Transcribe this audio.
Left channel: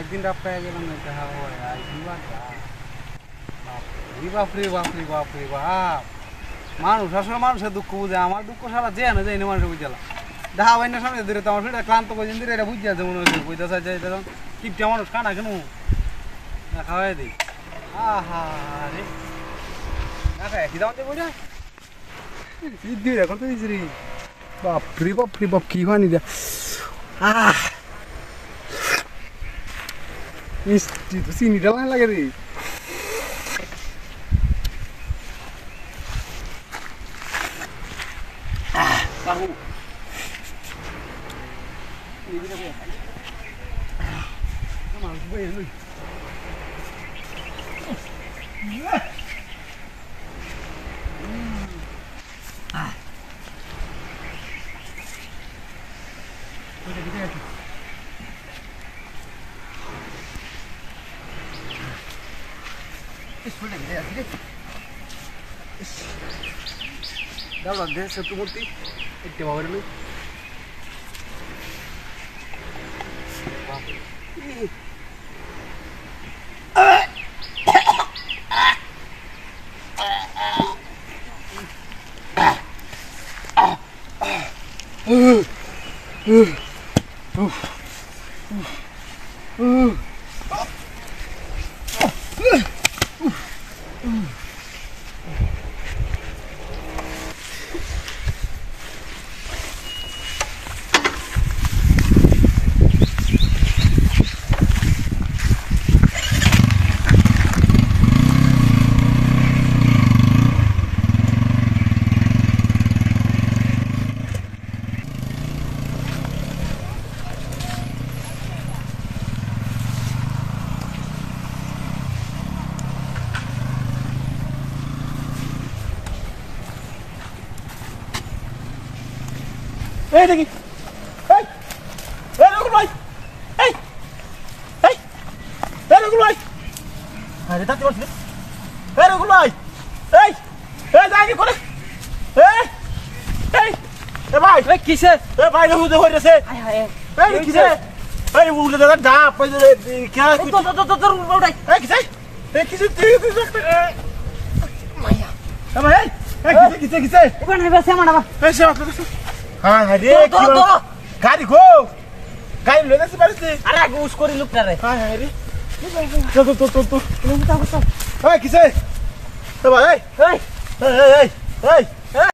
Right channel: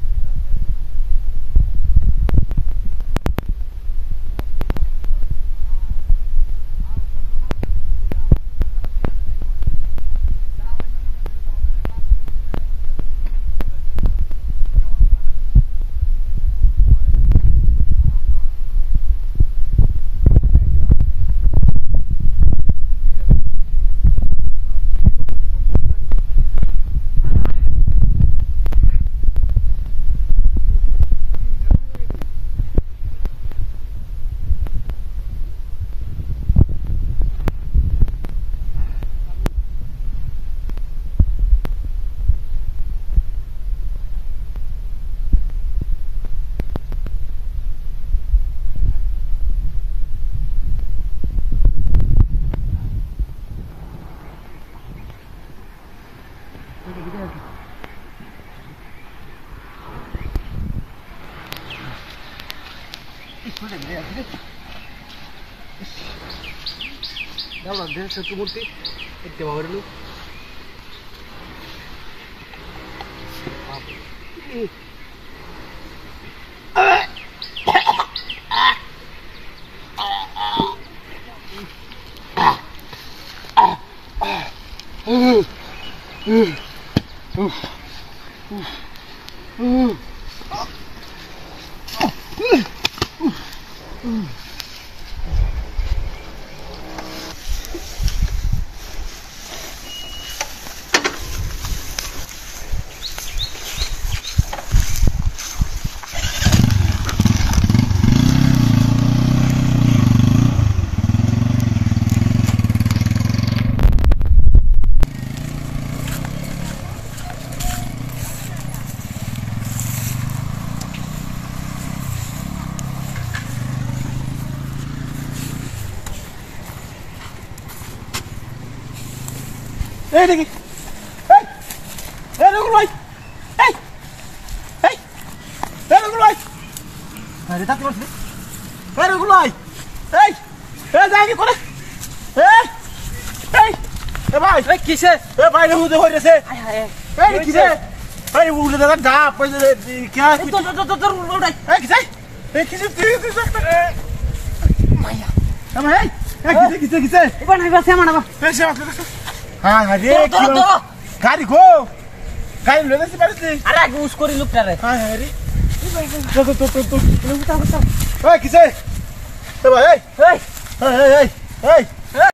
একদিন রাস্তায় গেলাম বাপরে বাপরে বাপরে বাপ মানুষ আসলে মানুষের দুঃখ বুঝে আমার দুঃখ সারা যে না যাই না মানুষের বুঝলাম দেখা হয় না সামনে ধরে তোমার সেটা ক্লান্ত পর্যন্ত এটা বুঝতে আছে মনে হচ্ছে বুঝতে চাইছে কিপটা মানুষ কানা কেন খাওয়াই দিই আহা রে একই দাম দেবো না কত দিয়েছি রে বাপরে বাপরে বাপ কি হয়নি রে চিনিটা লাগে রে Dalam dia satu murti, itu bawa dulu. দেখি রকুল ভাই রকুল ভাই আরে তাতে বলছি রকুল ভাই যাই করে ভাই কিসে ভাই হুদে হইছে কিসে উঠে দাদা ডাব हाँ अरे गाड़ी खो गाड़ी लेने से बारिश नहीं अरे उसको रिलुक कर रहे हाँ अरे तो किसे तो भाई